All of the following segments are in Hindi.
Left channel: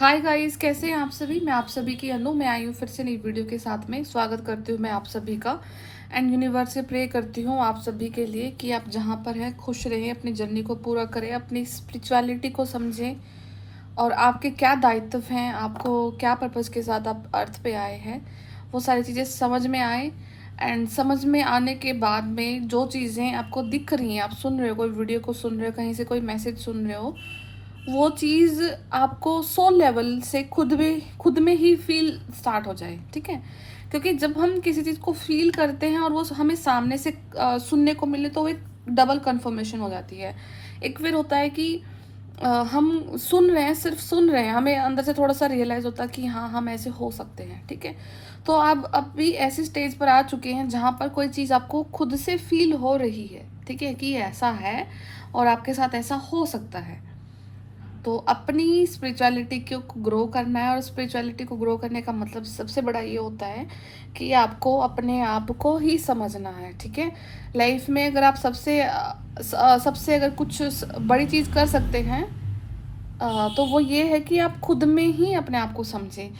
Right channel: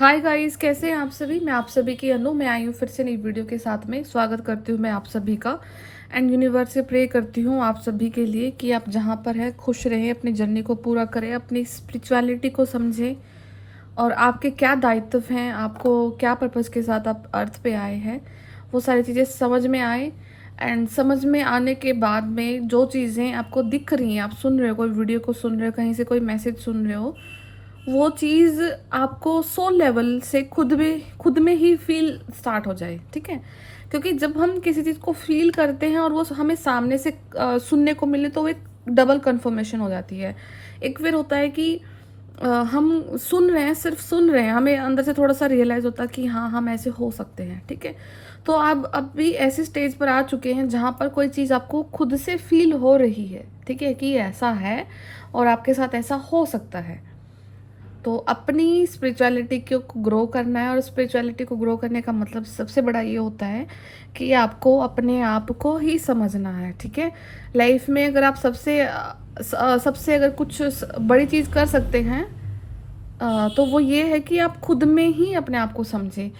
हाय गाइस, कैसे हैं आप सभी। मैं आप सभी की अनु, मैं आई हूँ फिर से नई वीडियो के साथ में। स्वागत करती हूँ मैं आप सभी का। एंड यूनिवर्स से प्रे करती हूँ आप सभी के लिए कि आप जहाँ पर हैं खुश रहें, अपनी जर्नी को पूरा करें, अपनी स्पिरिचुअलिटी को समझें और आपके क्या दायित्व हैं, आपको क्या पर्पज़ के साथ आप अर्थ पे आए हैं, वो सारी चीज़ें समझ में आए। एंड समझ में आने के बाद में जो चीज़ें आपको दिख रही हैं, आप सुन रहे हो, कोई वीडियो को सुन रहे हो, कहीं से कोई मैसेज सुन रहे हो, वो चीज़ आपको सोल लेवल से खुद में ही फील स्टार्ट हो जाए। ठीक है, क्योंकि जब हम किसी चीज़ को फील करते हैं और वो हमें सामने से सुनने को मिले तो एक डबल कंफर्मेशन हो जाती है। एक फिर होता है कि हम सुन रहे हैं, सिर्फ सुन रहे हैं, हमें अंदर से थोड़ा सा रियलाइज़ होता है कि हाँ, हम ऐसे हो सकते हैं। ठीक है, तो आप अब भी ऐसे स्टेज पर आ चुके हैं जहाँ पर कोई चीज़ आपको खुद से फील हो रही है। ठीक है, कि ऐसा है और आपके साथ ऐसा हो सकता है। तो अपनी स्पिरिचुअलिटी को ग्रो करना है, और स्पिरिचुअलिटी को ग्रो करने का मतलब सबसे बड़ा ये होता है कि आपको अपने आप को ही समझना है। ठीक है, लाइफ में अगर आप सबसे अगर कुछ बड़ी चीज़ कर सकते हैं तो वो ये है कि आप खुद में ही अपने आप को समझें।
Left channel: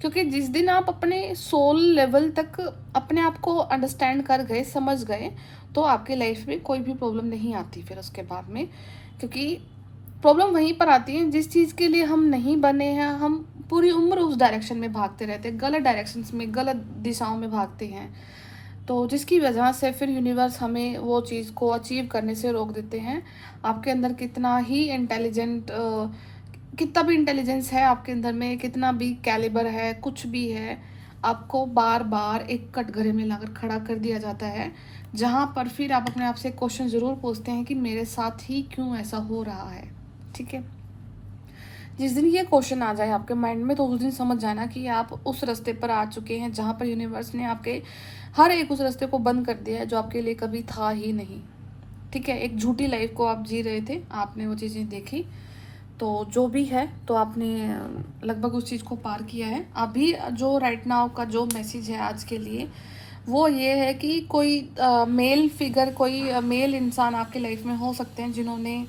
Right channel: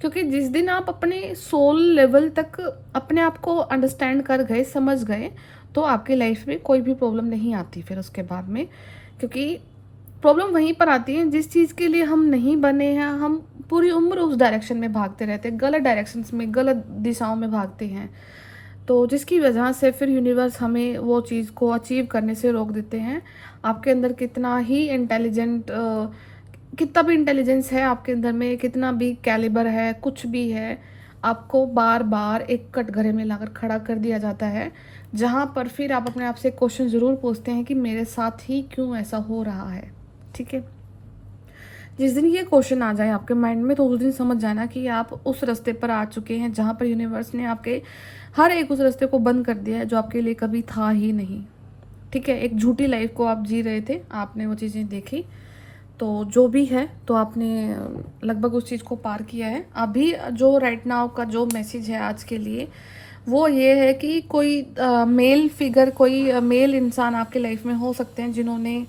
क्योंकि जिस दिन आप अपने सोल लेवल तक अपने आप को अंडरस्टैंड कर गए, समझ गए, तो आपकी लाइफ में कोई भी प्रॉब्लम नहीं आती फिर उसके बाद में। क्योंकि प्रॉब्लम वहीं पर आती है जिस चीज़ के लिए हम नहीं बने हैं, हम पूरी उम्र उस डायरेक्शन में भागते रहते हैं, गलत डायरेक्शंस में, गलत दिशाओं में भागते हैं। तो जिसकी वजह से फिर यूनिवर्स हमें वो चीज़ को अचीव करने से रोक देते हैं। आपके अंदर कितना भी इंटेलिजेंस है आपके अंदर में, कितना भी कैलिबर है, कुछ भी है, आपको बार बार एक कटघरे में लाकर खड़ा कर दिया जाता है, जहाँ पर फिर आप अपने आप से क्वेश्चन ज़रूर पूछते हैं कि मेरे साथ ही क्यों ऐसा हो रहा है। ठीक है, जिस दिन ये क्वेश्चन आ जाए आपके माइंड में, तो उस दिन समझ जाना कि आप उस रास्ते पर आ चुके हैं जहाँ पर यूनिवर्स ने आपके हर एक उस रास्ते को बंद कर दिया है जो आपके लिए कभी था ही नहीं। ठीक है, एक झूठी लाइफ को आप जी रहे थे, आपने वो चीज़ें देखी, तो जो भी है, तो आपने लगभग उस चीज़ को पार किया है। अभी जो राइट नाउ का जो मैसेज है आज के लिए, वो ये है कि कोई मेल फिगर, कोई मेल इंसान आपके लाइफ में हो सकते हैं जिन्होंने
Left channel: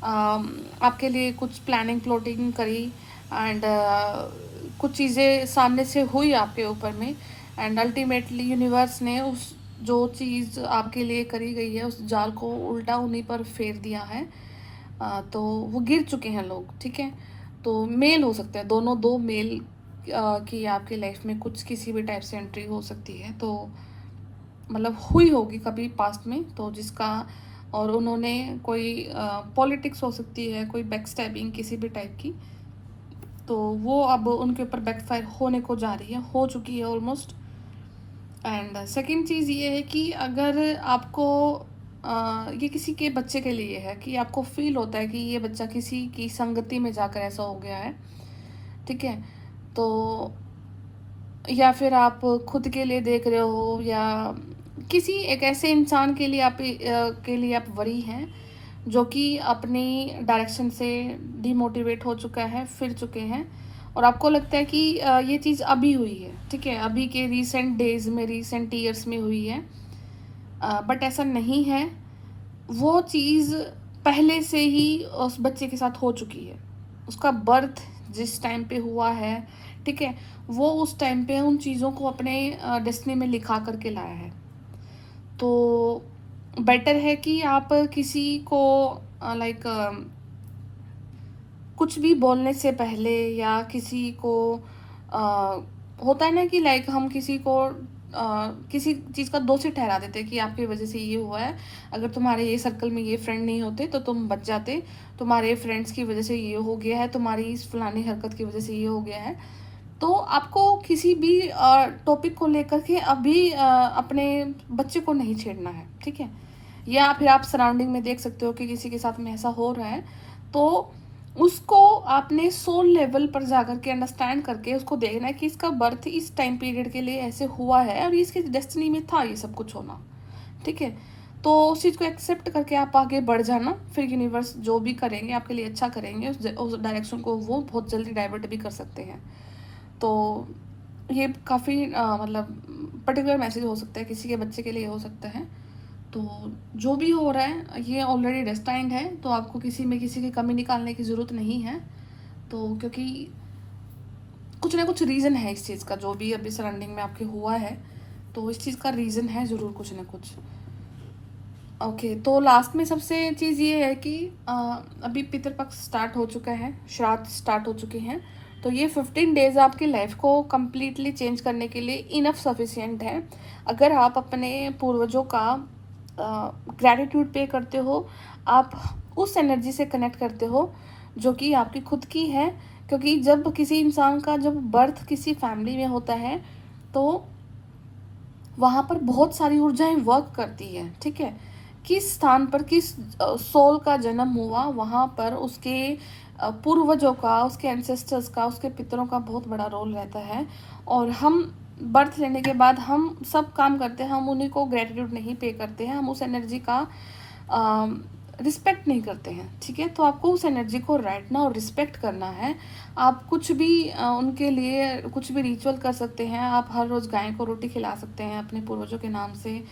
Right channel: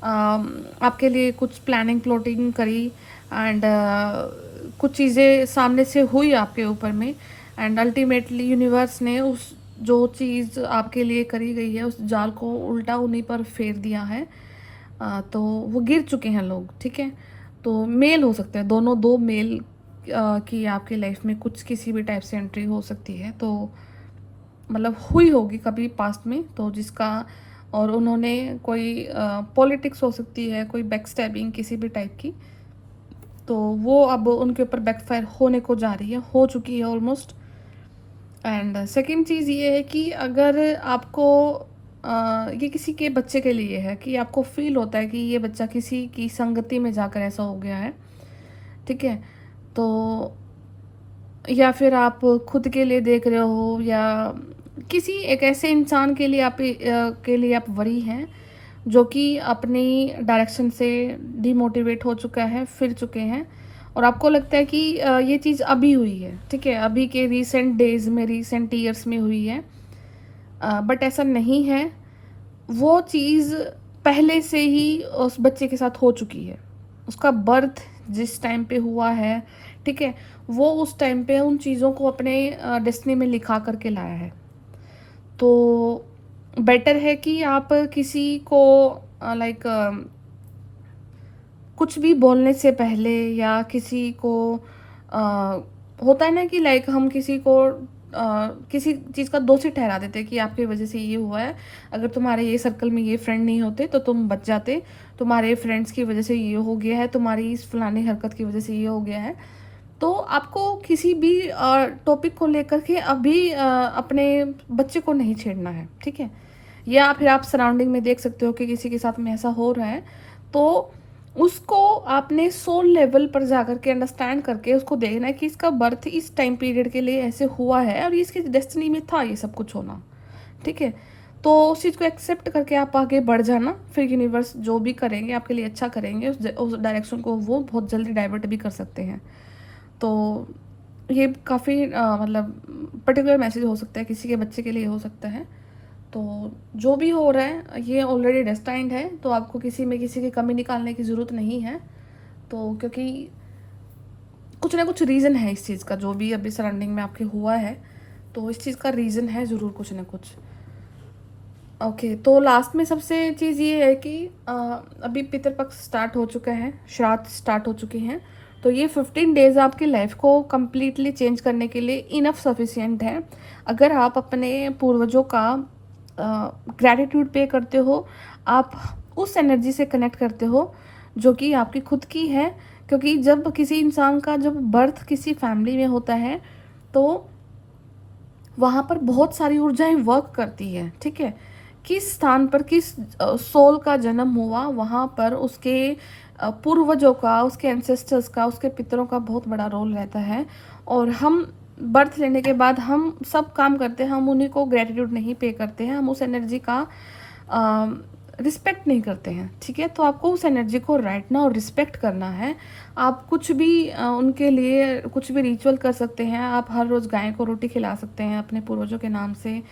आपके लिए कुछ प्लानिंग प्लॉटिंग करी। एंड कुछ चीज़ें सामने से हुई आपके ऊपर में, एंड अल्टीमेटली यूनिवर्स ने उस जो चीज़ आपके लिए करी गई है उस जाल को उल्टा उन्हीं पर फेर दिया है। तो वो गिर चुके हैं लोग। ठीक है, तो मेल हो सकते हैं दोनों, दो मेल की आपकी लाइफ में कुछ किसी भी टाइप से एंट्री हो सकती है, तो मतलब हुई होगी कभी पास्ट में, तो जिसका, और उन्होंने कोई पॉलिटिक्स हो सकती है, कोई बैकस्टैबिंग किसी भी टाइप की, तो वो अब उनके ऊपर बैकफायर होने को जा रही है, हो चुकी है ऑलमोस्ट। एंड सेकंड चीज़ ये है कि अगर आपको ये किसी के बच्चे के लिए है कि आपको फील होता है कि ये बच्चा किसी की संगति में जाकर ऐसा हो गया है। ठीक है, तो या फिर आप खुद के लिए देख रहे हो, या किसी एक ऐसे इंसान के लिए आप वरी हैं जो कि अपनी डायरेक्शन से डिमोटिवेट हो चुका है, फिर चुके हैं, और आपको लगता है कि ये चीज़ अभी हुई है। ठीक है, अभी के रीसेंट डेज में, रीसेंट ईयर्स में हुई है, बट ऐसा नहीं है। वो चीज़ पहले से ही उस बच्चे के साथ हो चुकी है। उसका बर्थ जिस टाइम पे हुआ है, ठीक है, वो उस टाइम पे उन चीज़ों को अपने डेस्टिनी में लिखा करके लाया है। तो बेटर है कि आप किसी को लाइक कुछ भी बोलने से पहले, या किसी को अ, होता है ना कि लाइक हम किसी को किसी चीज़ का दोषी ठहरा देते हैं कि आपकी वजह से ये हुआ है, अगर तुम्हारे ये सर्कल में ये फ्रेंड नहीं होते तो तुम बच जाते, तुम्हारे फ्रेंड्स की वजह से ये हो गया है, तुम्हारी इस फलानी हरकत की वजह से ये हो गया है। तो आपको किसी भी टॉपिक को लेकर के अभी अपने बच्चे को नहीं छेड़ना है। ठीक है, या फिर आप सराउंडिंग में देख सकते हो कि किसी के साथ में ऐसा हो रहा है, तो उसको आपने सोल लेवल पर जाकर के अंडरस्टैंड करके उसको देखना है कि इसका बर्थ इस टाइम पीरियड के लिए ऐसे हुआ है और इसकी डेस्टिनी में था ये सब कुछ होना। ठीक है, तो उस चीज़ को एक्सेप्ट करके आप आगे बढ़ जाना, फिर यूनिवर्स जो भी करेंगे आपके लिए अच्छा करेंगे, उस डायरेक्शन को वो बहुत जल्दी डाइवर्ट भी कर सकते हैं। तो ये काफ़ी मतलब पर्टिकुलर मैसेज हो सकता है, किसी के बच्चे के लिए हो सकता है। तो जो भी हो रहा है ये ऑलरेडी डेस्टाइंड है, तो आपको किसी में किसी की कमी निकालने की ज़रूरत नहीं है। तो क्योंकि कुछ ना कुछ रीज़न है इस चीज़ का, जो भी अभी सराउंडिंग में आपके हुआ है, तो इस चीज़ का रीज़न है ज़रूर कुछ ना कुछ। ओके, तो लास्ट में सबसे चीज़ ये है कि अभी पितृपक्ष स्टार्ट हो चुका है, श्राद्ध स्टार्ट हो चुकी हैं, तो ये 15 डेज़ आपकी लाइफ को कम्प्लीटली चेंज करने के लिए इनफ सफिशिएंट है। अगर आप अपने पूर्वजों का ग्रैटिट्यूड पे करते हो, आप उस एनर्जी से कनेक्ट करते हो जो कि आपकी खुद की है, क्योंकि जब किसी इंसान का जब बर्थ किसी फैमिली में होता है, तो वहाँ पर बहुत सारी ऊर्जाएं वर्क करती है, ठीक है। किस स्थान पर किस सोल का जन्म हुआ, वहाँ पर उसके पूर्वजों का, उसके एंसेस्टर्स का, उसके पितरों का बहुत बड़ा रोल रहता है। और हम बर्थ लेने के बाद हम सब काम करते हैं, हम उन्हीं को ग्रेटिट्यूड नहीं पे करते हैं, हम उस एनर्जी का रिस्पेक्ट नहीं करते हैं, ठीक है। तो आपको उस एनर्जी को राइट नाउ रिस्पेक्ट करना है। आप कुछ भी उनके लिए कुछ भी रिचुअल कर सकते हैं। आप हर रोज़ गाय को रोटी खिला सकते हैं अपने पूर्वजों के नाम से।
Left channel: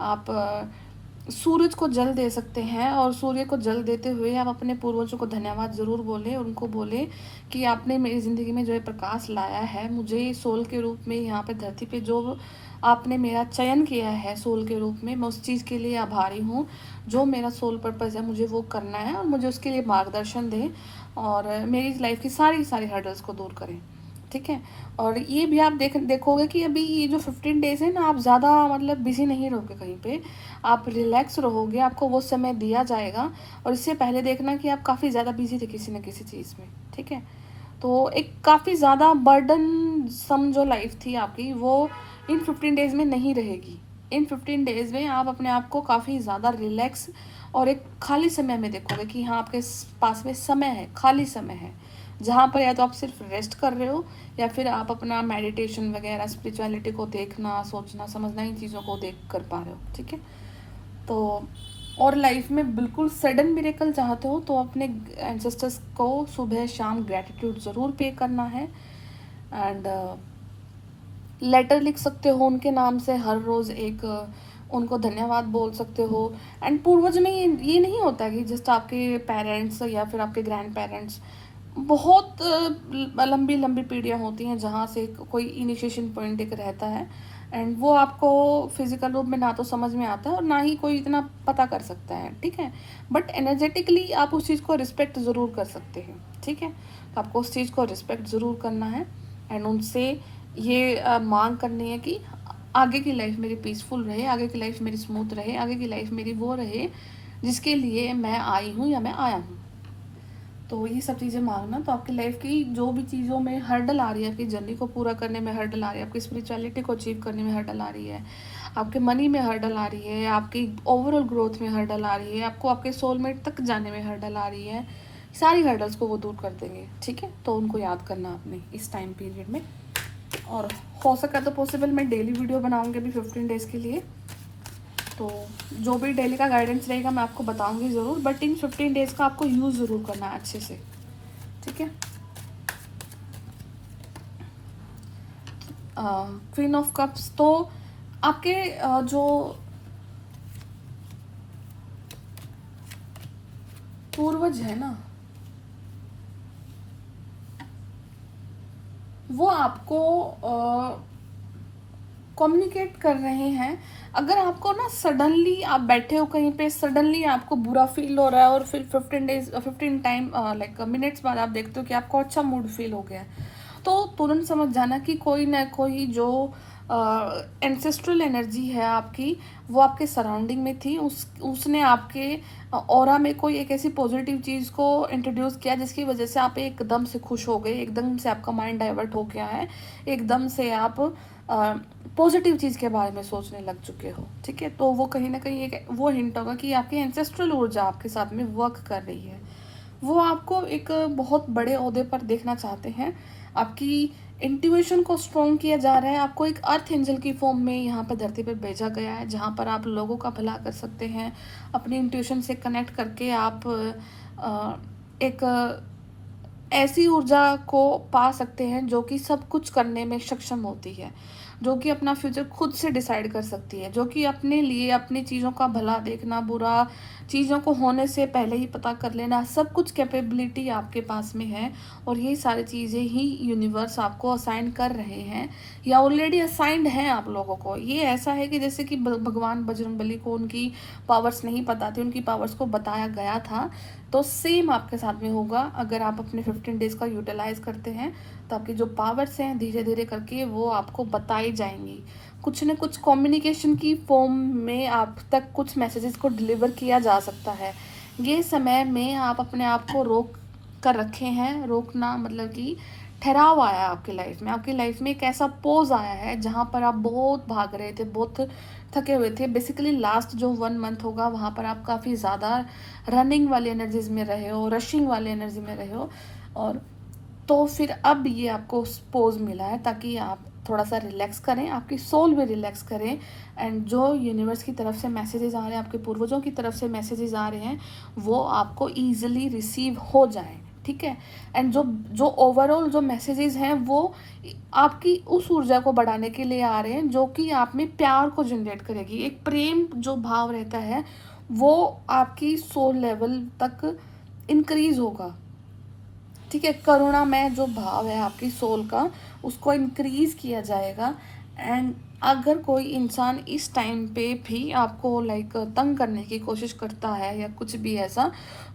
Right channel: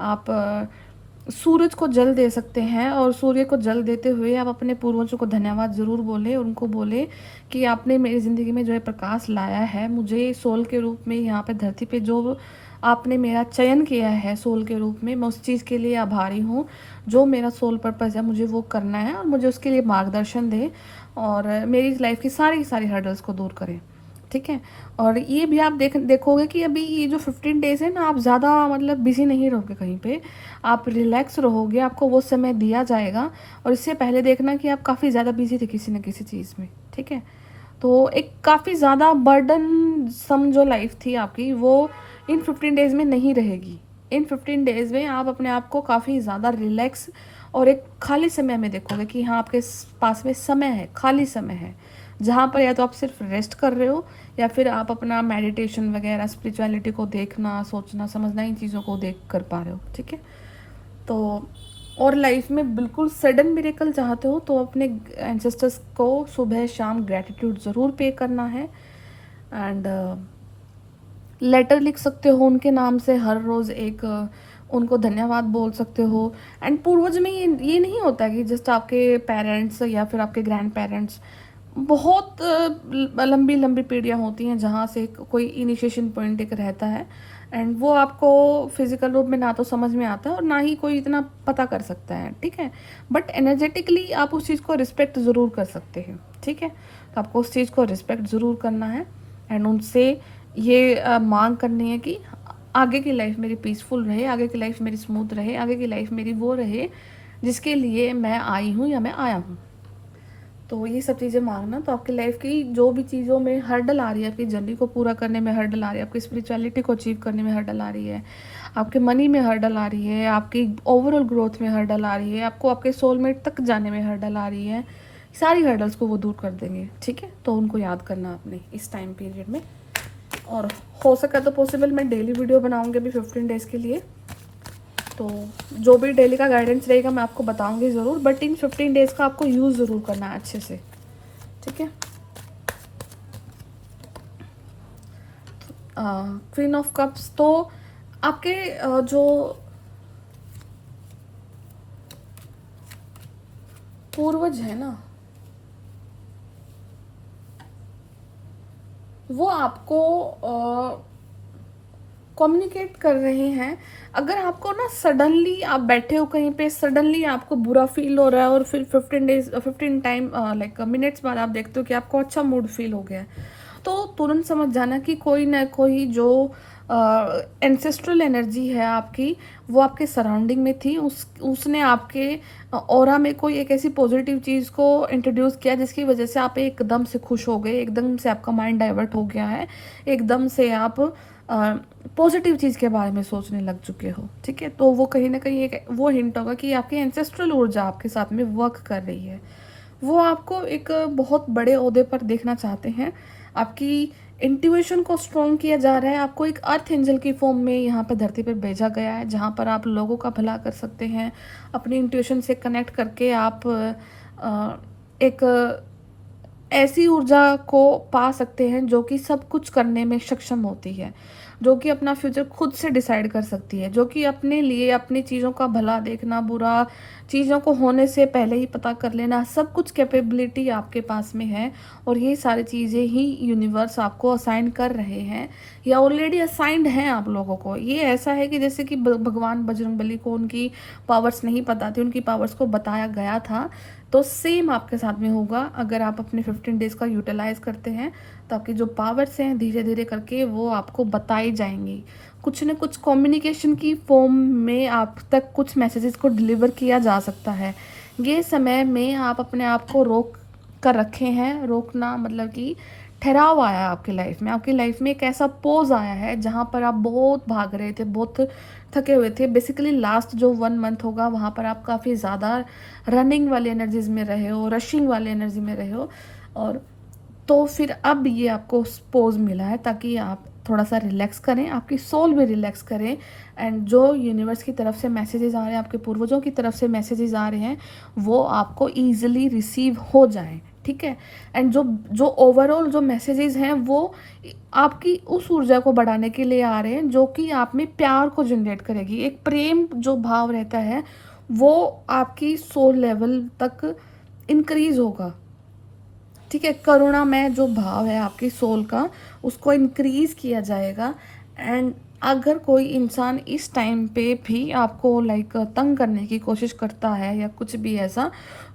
आप सूरज को जल दे सकते हैं, और सूर्य को जल देते हुए आप अपने पूर्वजों को धन्यवाद ज़रूर बोले, उनको बोले कि आपने मेरी ज़िंदगी में जो है प्रकाश लाया है, मुझे सोल के रूप में यहाँ पे धरती पे जो आपने मेरा चयन किया है सोल के रूप में, मैं उस चीज़ के लिए आभारी हूँ। जो मेरा सोल पर्पज़ है मुझे वो करना है, और मुझे उसके लिए मार्गदर्शन दे, और मेरी लाइफ की सारी सारी हर्डल्स को दूर करें, ठीक है। और ये भी आप देखोगे कि अभी ये जो 15 डेज़ है ना, आप ज़्यादा मतलब बिज़ी नहीं रहोगे कहीं पे, आप रिलैक्स रहोगे, आपको वो समय दिया जाएगा। और इससे पहले देखना कि आप काफ़ी ज़्यादा बिज़ी थे किसी न किसी चीज़ में, ठीक है। तो एक काफ़ी ज़्यादा बर्डन सम जो लाइफ थी आपकी, वो इन 15 डेज़ में नहीं रहेगी। इन 15 डेज़ में आप अपने आप को काफ़ी ज़्यादा रिलैक्स और एक खाली समय में देखोगे कि हाँ, आपके पास में समय है, खाली समय है, जहाँ पर या तो आप सिर्फ रेस्ट कर रहे हो, या फिर आप अपना मेडिटेशन वगैरह, स्पिरिचुअलिटी को देखना, सोचना, समझना, इन चीज़ों को देख कर पा रहे हो, ठीक है। तो और लाइफ में बिल्कुल सडन मिरेकल चाहते हो, तो अपने एंसेस्टर्स को सुबह शाम ग्रैटिट्यूड ज़रूर पे करना है। एंड लेटर लिख सकते हो उनके नाम से, हर रोज़ एक उनको धन्यवाद बोल सकते हो। एंड पूर्वज में ये नहीं होता कि जस्ट आपके पेरेंट्स या फिर आपके ग्रैंड पेरेंट्स, बहुत लंबी लंबी पीढ़ियाँ होती हैं जहाँ से कोई इनिशिएशन पॉइंट एक रहता है, एंड वो आपको फिजिकल रूप में ना तो समझ में आता है और ना ही कोई इतना पता कर सकता है, ठीक है। बट एनर्जेटिकली आप उस चीज़ को रिस्पेक्ट ज़रूर कर सकते हैं, ठीक है। तो आपको उस चीज़ को रिस्पेक्ट ज़रूर करना है, एंड उनसे ये मांग करनी है कि आगे की लाइफ मेरी पीसफुल रहे, आगे की लाइफ मेरी स्मूथ रहे, आगे की लाइफ मेरी वो रहे जिसके लिए मैं आई हूँ या मैं आया हूँ। तो ये सब चीज़ें मांगना, तो आपकी लाइफ की जो भी चीज़ों में हर्डल आ रही है, आपकी जर्नी को पूरा करने में हर्डल आ रही है, आपकी स्पिरिचुअलिटी को अचीव करने में हर्डल आ रही है, आपके मनी में हर्डल आ रही है, आपकी ओवरऑल ग्रोथ में हर्डल आ रही है, आपको आपके सोलमेट तक जाने में हर्डल आ रही है, सारी हर्डल्स को वो दूर कर देंगे, ठीक है। तो उनको याद करना आपने इस टाइम पीरियड में। और हो सके तो पॉसिबल मैं डेली वीडियो बनाऊंगी अभी 15 डेज़ के लिए, तो जो भी डेली का गाइडेंस रहेगा मैं आपको बताऊंगी ज़रूर, बट इन 15 डेज़ का आपको यूज़ ज़रूर करना है अच्छे से, ठीक है। क्वीन ऑफ कप्स, तो आपके जो पूर्वज है ना, वो आपको कम्युनिकेट कर रहे हैं। अगर आपको ना सडनली आप बैठे हो कहीं पे, सडनली आपको बुरा फील हो रहा है, और फिर 15 टाइम लाइक मिनट्स बाद आप देखते हो कि आपको अच्छा मूड फील हो गया है, तो तुरंत समझ जाना कि कोई ना कोई जो एंसेस्ट्रल एनर्जी है आपकी, वो आपके सराउंडिंग में थी, उसने आपके ऑरा में कोई एक ऐसी पॉजिटिव चीज़ को इंट्रोड्यूस किया जिसकी वजह से आप एकदम से खुश हो गए, एकदम से आपका माइंड डाइवर्ट हो गया है, एकदम से आप पॉजिटिव चीज़ के बारे में सोचने लग चुके हो, ठीक है। तो वो कहीं ना कहीं एक वो हिंट होगा कि आपकी एंसेस्ट्रल ऊर्जा आपके साथ में वर्क कर रही है, वो आपको एक बहुत बड़े ओहदे पर देखना चाहते हैं। आपकी इंट्यूशन को स्ट्रॉन्ग किया जा रहा है, आपको एक अर्थ एंजल की फॉर्म में यहाँ पर धरती पर भेजा गया है, जहाँ पर आप लोगों का भला कर सकते हैं। अपने इंट्यूशन से कनेक्ट करके आप एक ऐसी ऊर्जा को पा सकते हैं जो कि सब कुछ करने में सक्षम होती है। जो कि अपना फ्यूचर खुद से डिसाइड कर सकती है, जो कि अपने लिए अपनी चीज़ों का भला देखना, बुरा चीज़ों को होने से पहले ही पता कर लेना, सब कुछ कैपेबिलिटी आपके पास में है। और ये सारी चीज़ें ही यूनिवर्स आपको असाइन कर रहे हैं या ऑलरेडी असाइंड हैं आप लोगों को। ये ऐसा है कि जैसे कि भगवान बजरंगबली को उनकी पावर्स नहीं पता थी, उनकी पावर्स को बताया गया था, तो सेम आपके साथ में होगा। अगर आप अपने 15 डेज का यूटिलाइज करते हैं तो आपकी जो पावर्स हैं धीरे धीरे करके वो आपको बताई जाएंगी। कुछ न कुछ कम्युनिकेशन की फॉर्म में आप तक कुछ मैसेजेस को डिलीवर किया जा सकता है। ये समय में आप अपने आप को रोक कर रखे हैं। रोकना मतलब कि ठहराव आया है आपकी लाइफ में। आपकी लाइफ में एक ऐसा पोज आया है जहाँ पर आप बहुत भाग रहे थे, बहुत थके हुए थे। बेसिकली लास्ट जो 1 मंथ होगा वहाँ पर आप काफ़ी ज़्यादा रनिंग वाली एनर्जीज में रहे हो, रशिंग वाली एनर्जी में रहे हो। और तो फिर अब ये आपको पोज मिला है ताकि आप थोड़ा सा रिलैक्स करें, आपकी सोल भी रिलैक्स करें। एंड जो यूनिवर्स की तरफ से मैसेजेस आ रहे हैं, आपके पूर्वजों की तरफ से मैसेजेस आ रहे हैं, वो आपको ईजिली रिसीव हो जाए, ठीक है। एंड जो जो ओवरऑल जो मैसेजेस हैं वो आपकी उस ऊर्जा को बढ़ाने के लिए आ रहे हैं जो कि आप में प्यार को जनरेट करेगी। एक प्रेम जो भाव रहता है वो आपकी सोल लेवल तक इंक्रीज होगा, ठीक है। करुणा में जो भाव है आपकी सोल का उसको इंक्रीज किया जाएगा। एंड अगर कोई इंसान इस टाइम पे भी आपको लाइक तंग करने की कोशिश करता है या कुछ भी ऐसा,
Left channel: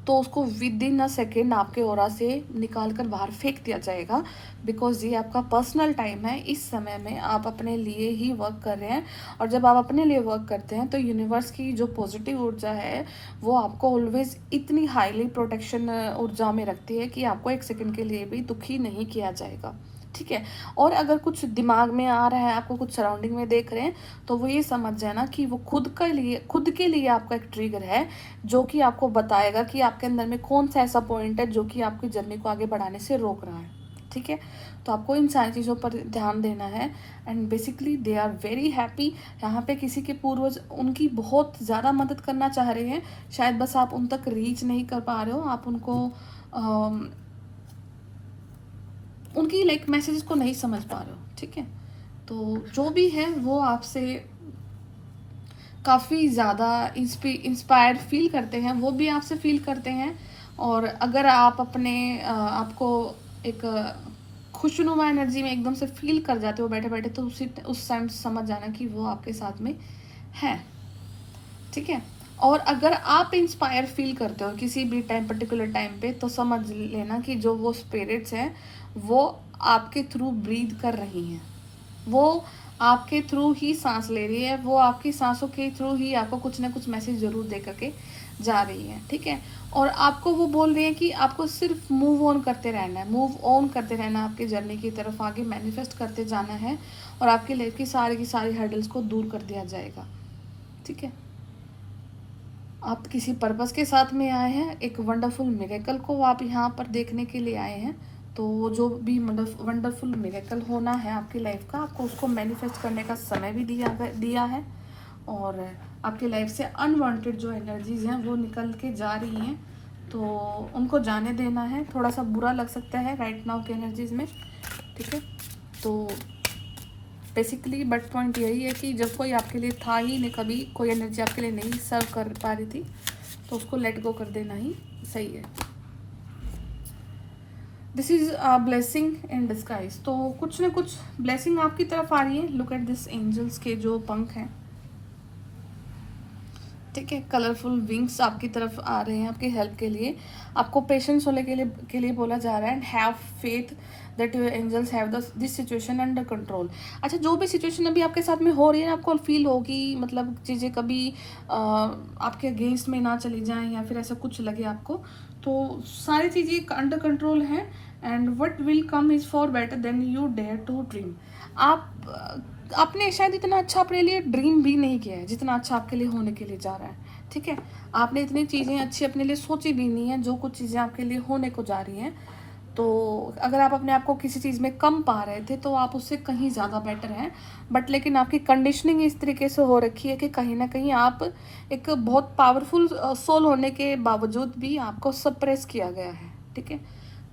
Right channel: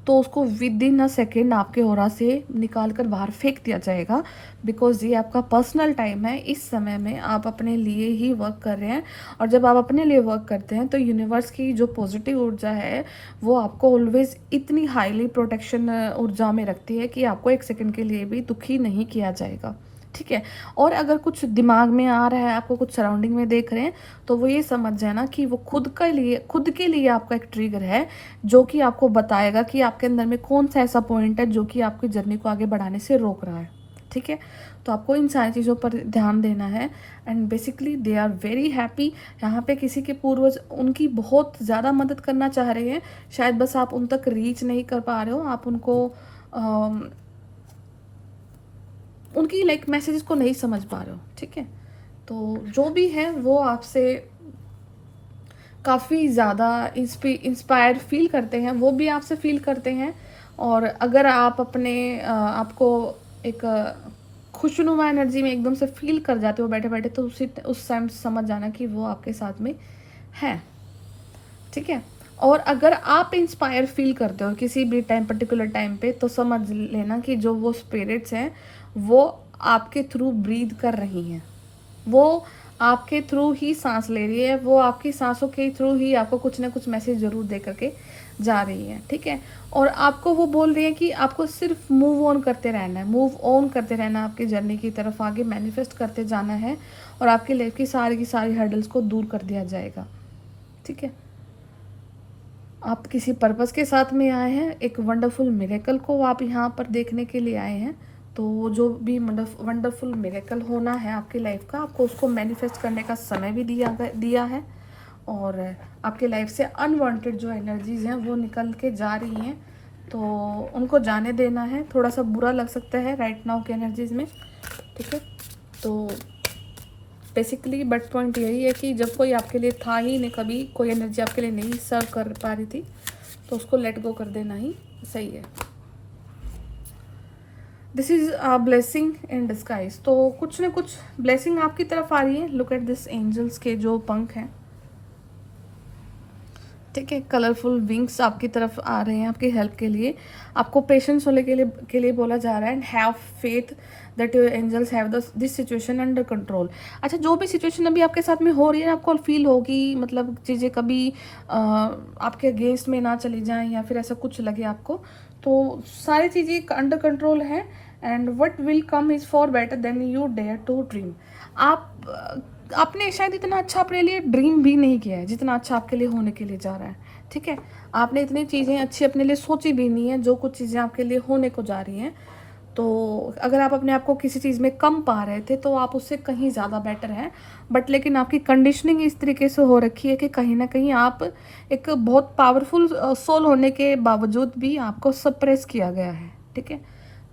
तो उसको विद इन अ सेकेंड आपके ओरा से निकाल कर बाहर फेंक दिया जाएगा। बिकॉज ये आपका पर्सनल टाइम है। इस समय में आप अपने लिए ही वर्क कर रहे हैं, और जब आप अपने लिए वर्क करते हैं तो यूनिवर्स की जो पॉजिटिव ऊर्जा है वो आपको ऑलवेज इतनी हाईली प्रोटेक्शन ऊर्जा में रखती है कि आपको एक सेकेंड के लिए भी दुखी नहीं किया जाएगा, ठीक है। और अगर कुछ दिमाग में आ रहा है, आपको कुछ सराउंडिंग में देख रहे हैं, तो वो ये समझ जाना कि वो खुद के लिए आपका एक ट्रिगर है जो कि आपको बताएगा कि आपके अंदर में कौन सा ऐसा पॉइंट है जो कि आपकी जर्नी को आगे बढ़ाने से रोक रहा है, ठीक है। तो आपको इन सारी चीज़ों पर ध्यान देना है। And basically they are very happy. यहाँ पे किसी के पूर्वज उनकी बहुत ज़्यादा मदद करना चाह रहे हैं, शायद बस आप उन तक रीच नहीं कर पा रहे हो, आप उनको उनकी लाइक मैसेजेस को नहीं समझ पा रहे हो, ठीक है। तो जो भी है वो आपसे काफ़ी ज़्यादा इंस्पायर्ड फील करते हैं, वो भी आपसे फील करते हैं। और अगर आप अपने आपको एक खुशनुमा एनर्जी में एकदम से फील कर जाते हो बैठे बैठे, तो उस टाइम समझ जाना कि वो आपके साथ में है, ठीक है। और अगर आप इंस्पायर फील करते हो किसी भी टाइम, पर्टिकुलर टाइम पे, तो समझ लेना कि जो वो स्पिरिट्स हैं वो आपके थ्रू ब्रीथ कर रही हैं, वो आपके थ्रू ही सांस ले रही है, वो आपकी सांसों के थ्रू ही आपको कुछ ना कुछ मैसेज जरूर दे करके जा रही है, ठीक है। और आपको वो बोल रही है कि आपको सिर्फ मूव ऑन करते रहना है, मूव ऑन करते रहना, आपकी जर्नी की तरफ आगे मैनिफेस्ट करते जाना है, और आपकी लाइफ की सारी हर्डल्स को दूर कर दिया जाएगा, ठीक है। आप किसी पर्पस के साथ में आए हैं, एक वंडरफुल मिरेकल को आप यहाँ पर देखने के लिए आए हैं। तो जो भी वंडरफुल मिरेकल होना है आपकी लाइफ का, आपको उसको मैनिफेस्ट करने का समय भी दिया है। और आपके लाइफ से अनवांटेड जो एनर्जीज हैं वो निकल के जा रही हैं, तो उनको जाने देना है। थोड़ा सा बुरा लग सकता है राइट नाउ की एनर्जीज में, ठीक है। तो बेसिकली बट पॉइंट यही है कि जब कोई आपके लिए था ही नहीं, कभी कोई एनर्जी आपके लिए नहीं सर्व कर पा रही थी, तो उसको लेट गो कर देना ही सही है। This is a blessing in disguise. तो कुछ ना कुछ ब्लेसिंग आपकी तरफ आ रही है। लुक एट दिस एंजल्स के जो पंख हैं, ठीक है, कलरफुल विंग्स आपकी तरफ आ रहे हैं आपकी हेल्प के लिए। आपको पेशेंस होने के लिए बोला जा रहा है। And have faith that your angels have this situation under control. अच्छा, जो भी सिचुएशन अभी आपके साथ में हो रही है, आपको फील होगी, मतलब चीज़ें कभी आपके अगेंस्ट में ना चली जाएं या फिर ऐसा कुछ लगे आपको, तो सारी चीज़ें अंडर कंट्रोल है। And what will come is far better than you dare to dream. आपने शायद इतना अच्छा अपने लिए ड्रीम भी नहीं किया है जितना अच्छा आपके लिए होने के लिए जा रहा है, ठीक है। आपने इतनी चीज़ें अच्छी अपने लिए सोची भी नहीं है, जो कुछ चीज़ें आपके लिए होने को जा रही हैं। तो अगर आप अपने आप को किसी चीज़ में कम पा रहे थे तो आप उससे कहीं ज़्यादा बेटर हैं। बट लेकिन आपकी कंडीशनिंग इस तरीके से हो रखी है कि कहीं ना कहीं आप एक बहुत पावरफुल सोल होने के बावजूद भी आपको सप्रेस किया गया है, ठीक है।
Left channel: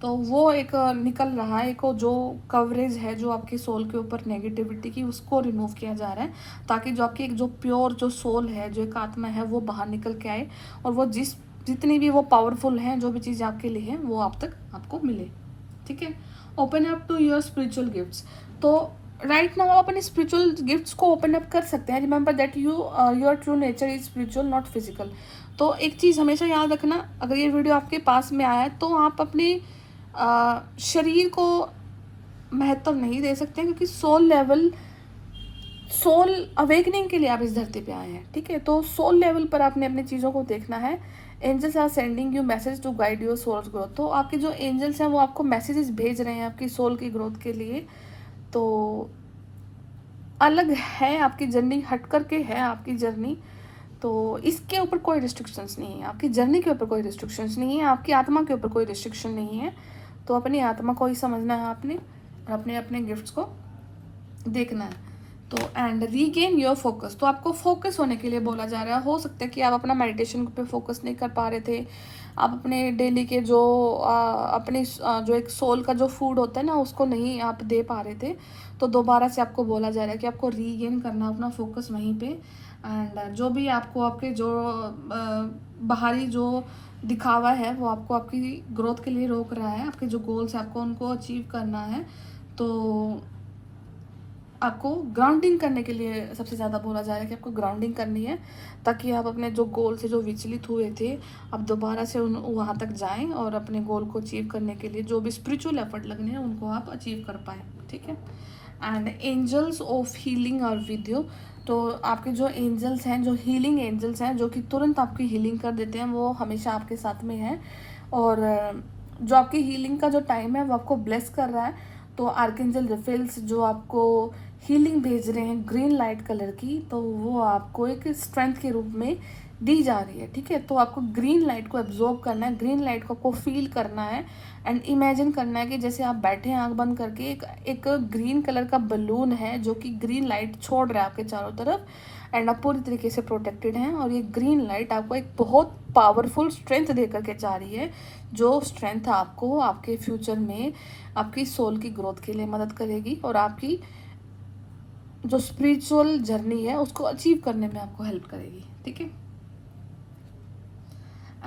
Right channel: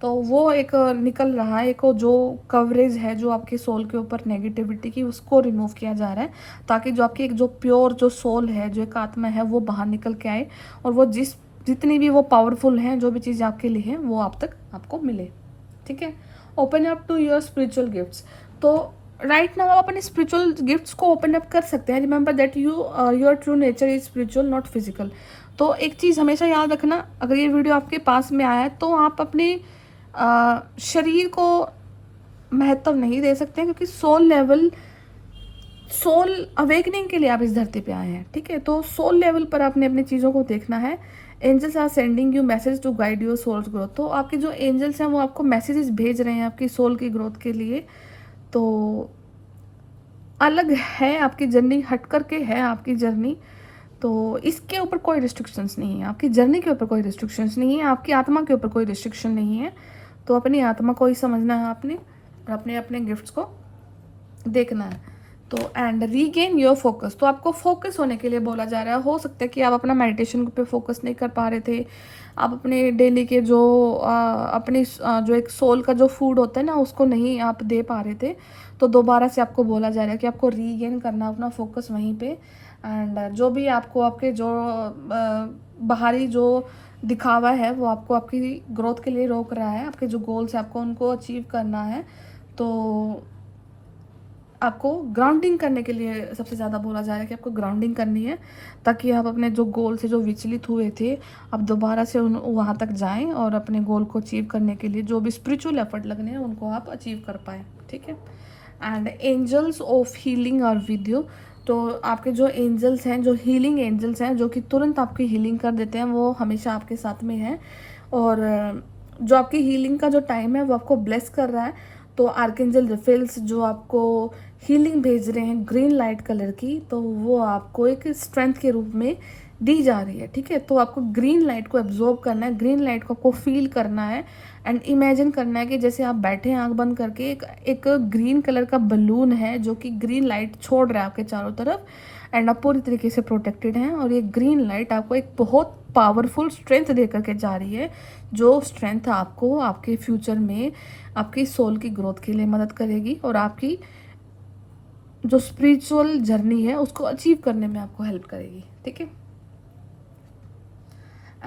तो वो एक निकल रहा है, एक जो कवरेज है जो आपके सोल के ऊपर नेगेटिविटी की, उसको रिमूव किया जा रहा है, ताकि जो आपकी एक जो प्योर जो सोल है, जो एक आत्मा है, वो बाहर निकल के आए, और वो जितनी भी वो पावरफुल है, जो भी चीज़ आपके लिए है, वो आप तक आपको मिले। ठीक है। Open up to your spiritual gifts. तो राइट नाउ आप अपनी स्पिरिचुअल गिफ्ट्स को ओपन अप कर सकते हैं। Remember that your true nature is spiritual, not physical. तो एक चीज़ हमेशा याद रखना, अगर ये वीडियो आपके पास में आया है तो आप अपने शरीर को महत्व नहीं दे सकते, क्योंकि सोल अवेकनिंग के लिए आप इस धरती पे आए हैं। ठीक है। तो सोल लेवल पर आपने अपनी चीज़ों को देखना है। Angels are sending you message to guide your soul's growth. तो आपके जो एंजल्स हैं वो आपको मैसेजेस भेज रहे हैं आपकी सोल की ग्रोथ के लिए। तो अलग है आपकी जर्नी, हट करके है आपकी जर्नी। तो इसके ऊपर कोई रिस्ट्रिक्शंस नहीं है, आपकी जर्नी के ऊपर कोई रिस्ट्रिक्शंस नहीं है, आपकी आत्मा के ऊपर कोई रिस्ट्रिक्शन नहीं है। तो अपनी आत्मा को ही समझना है आपने, और अपने अपने गिफ्ट्स को देखना है। तो एंड रीगेन योर फोकस। तो आपको फोकस होने के लिए बोला जा रहा है। हो सकता है कि आप अपना मेडिटेशन पे फोकस नहीं कर पा रहे थे, आप अपने डेली के जो अपनी जो एक सोल का जो फूड होता है ना, उसको नहीं आप दे पा रहे थे। तो दोबारा से आपको बोला जा रहा है कि आपको रीगेन करना अपना फोकस वहीं पे। एंड जो भी आपको आपके जो बाहरी जो दिखावा है, वो आपको आपकी ग्रोथ के लिए रोक रहा है। आपके जो गोल्स है, आपको उनको अचीव करना है। तो आपको ग्राउंडिंग करने के लिए सबसे ज़्यादा बोला जा रहा है कि आपको ग्राउंडिंग करनी है, ताकि आप अपने जो गोल से जो विचलित हुए थे, आप दोबारा से वहाँ तक जाएं, और अपने गोल को अचीव करने के लिए जो भी स्पिरिचुअल एफर्ट लगने हैं, उनको आप अचीव कर पाएँ। ठीक है। And angels of healing are with you. तो आपके जो एंजल्स हैं, जो हीलिंग एंजल्स हैं, जो कि तुरंत आपकी हीलिंग कर देते हैं, वो हमेशा आपके साथ में हैं। और जो आपकी हीलिंग का जो टाइम है, वो आपको ब्लेस कर रहा है। तो आर्कएंजल रफेल्स जो आपको हीलिंग भेज रहे हैं ग्रीन लाइट कलर की, तो वो आपको एक स्ट्रेंथ के रूप में दी जा रही है। ठीक है। तो आपको ग्रीन लाइट को एब्जॉर्ब करना है, ग्रीन लाइट को आपको फील करना है, एंड इमेजिन करना है कि जैसे आप बैठे हैं आंख बंद करके, एक ग्रीन कलर का बलून है जो कि ग्रीन लाइट छोड़ रहा है आपके चारों तरफ, एंड आप पूरी तरीके से प्रोटेक्टेड हैं। और ये ग्रीन लाइट आपको एक बहुत पावरफुल स्ट्रेंथ दे करके जा रही है, जो स्ट्रेंथ आपको आपके फ्यूचर में आपकी सोल की ग्रोथ के लिए मदद करेगी, और आपकी जो स्पिरिचुअल जर्नी है उसको अचीव करने में आपको हेल्प करेगी। ठीक है।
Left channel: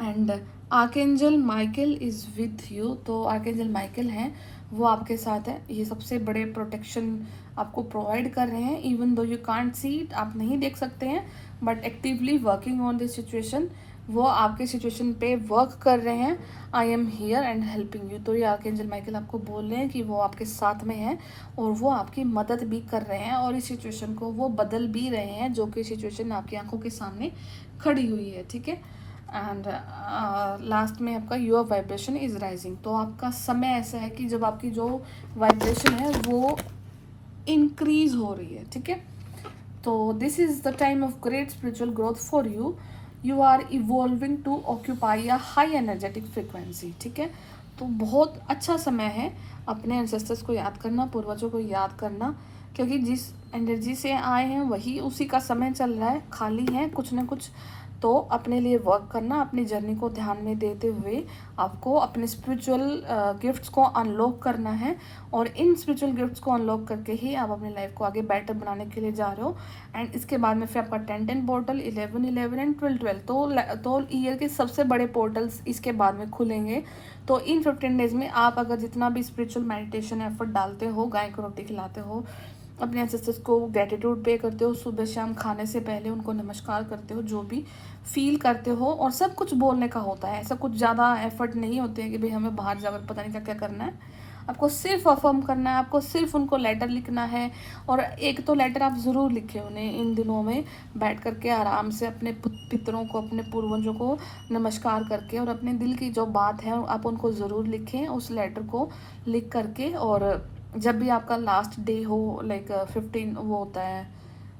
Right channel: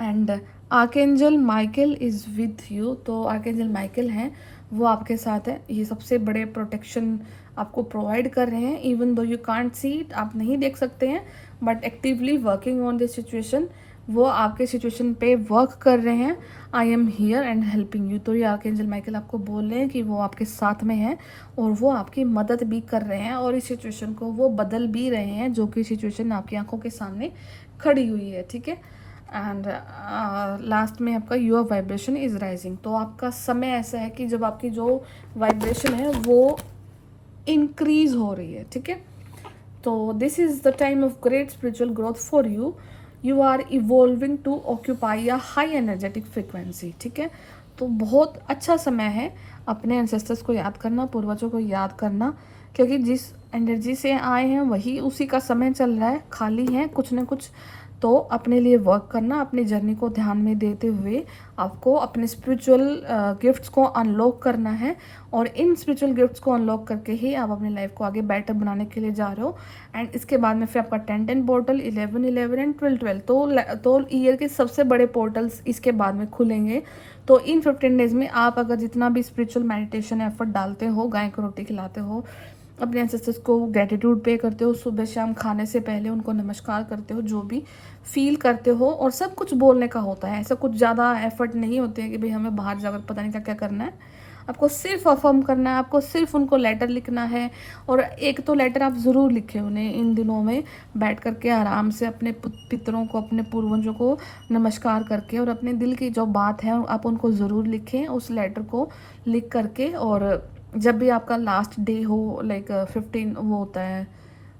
And archangel Michael is with you. तो आर्कएंजल माइकल हैं, वो आपके साथ है। ये सबसे बड़े प्रोटेक्शन आपको प्रोवाइड कर रहे हैं, even though you can't see it, आप नहीं देख सकते हैं, but actively working on this situation. वो आपके सिचुएशन पे वर्क कर रहे हैं। I am here and helping you. तो ये आर्कएंजल माइकल आपको बोल रहे हैं कि वो आपके साथ में हैं, और वो आपकी मदद भी कर रहे हैं, और इस सिचुएशन को वो बदल भी रहे हैं, जो कि सिचुएशन आपकी आंखों के सामने खड़ी हुई है। ठीक है। एंड लास्ट में आपका योर वाइब्रेशन इज राइजिंग। तो आपका समय ऐसा है कि जब आपकी जो वाइब्रेशन है वो इंक्रीज हो रही है। ठीक है। तो this is the time of great spiritual growth for you. You are evolving to occupy a high energetic frequency. ठीक है। तो बहुत अच्छा समय है अपने एंसेस्टर्स को याद करना, पूर्वजों को याद करना, क्योंकि जिस एनर्जी से आए हैं वही उसी का समय चल रहा है, खाली है कुछ ना कुछ। तो अपने लिए वर्क करना, अपने जर्नी को ध्यान में देते हुए आपको अपने स्पिरिचुअल गिफ्ट्स को अनलॉक करना है, और इन स्पिरिचुअल गिफ्ट्स को अनलॉक करके ही आप अपनी लाइफ को आगे बेटर बनाने के लिए जा रहे हो। एंड इसके बाद में फिर आपका 10-10 पोर्टल, 11-11 एंड 12-12, तो ईयर के सबसे बड़े पोर्टल्स इसके बाद में खुलेंगे। तो इन 15 डेज में आप अगर जितना भी स्पिरिचुअल मेडिटेशन एफर्ट डालते हो, गाय को रोटी खिलाते हो, अपने एंसेस्टर्स को ग्रेटिट्यूड पे करते हो, सुबह शाम खाने से पहले उनको नमस्कार करते हो, जो भी फील करते हो, और सब कुछ बोलने का होता है, ऐसा कुछ ज़्यादा एफर्ट नहीं होते हैं कि भाई हमें बाहर जाकर पता नहीं क्या क्या करना है। आपको सिर्फ अफर्म करना है, आपको सिर्फ उनको लेटर लिखना है, और एक तो लेटर आप ज़रूर लिखें उन्हें इन दिनों में बैठ करके आराम से, अपने पितरों को, अपने पूर्वजों को नमस्कार करके, और अपने दिल की जो बात है आप उनको ज़रूर लिखें उस लेटर को लिख करके। और जब भी आपका लास्ट डे हो, लाइक 15 वो होता है,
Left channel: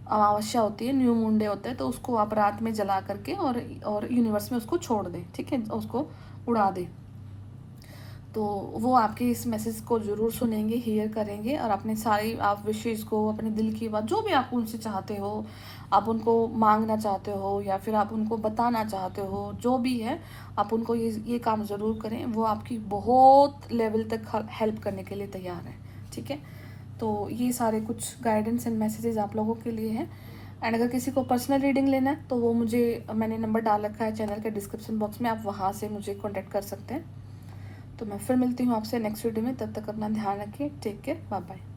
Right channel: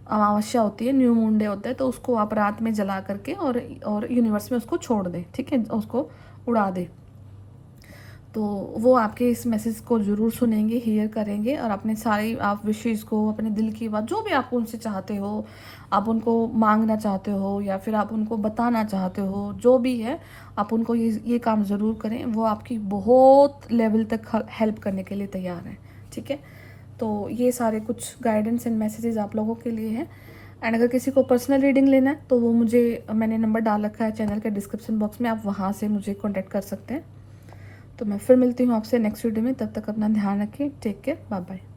अमावस्या होती है, न्यू मून डे होता है, तो उसको आप रात में जला करके और यूनिवर्स में उसको छोड़ दें। ठीक है। उसको उड़ा दें। तो वो आपके इस मैसेज को ज़रूर सुनेंगे, हियर करेंगे और अपने सारे आप विशेज़ को, अपने दिल की बात जो भी आप उनसे चाहते हो, आप उनको मांगना चाहते हो या फिर आप उनको बताना चाहते हो, जो भी है आप उनको ये काम ज़रूर करें। वो आपकी बहुत लेवल तक हेल्प करने के लिए तैयार हैं, ठीक है। तो ये सारे कुछ गाइडेंस एंड मैसेजेस आप लोगों के लिए हैं। एंड अगर किसी को पर्सनल रीडिंग लेना है तो वो मुझे, मैंने नंबर डाल रखा है चैनल के डिस्क्रिप्शन बॉक्स में, आप वहाँ से मुझे कॉन्टैक्ट कर सकते हैं। तो मैं फिर मिलती हूँ आपसे नेक्स्ट वीडियो में, तब तक अपना ध्यान रखें, टेक केयर, बाय बाय।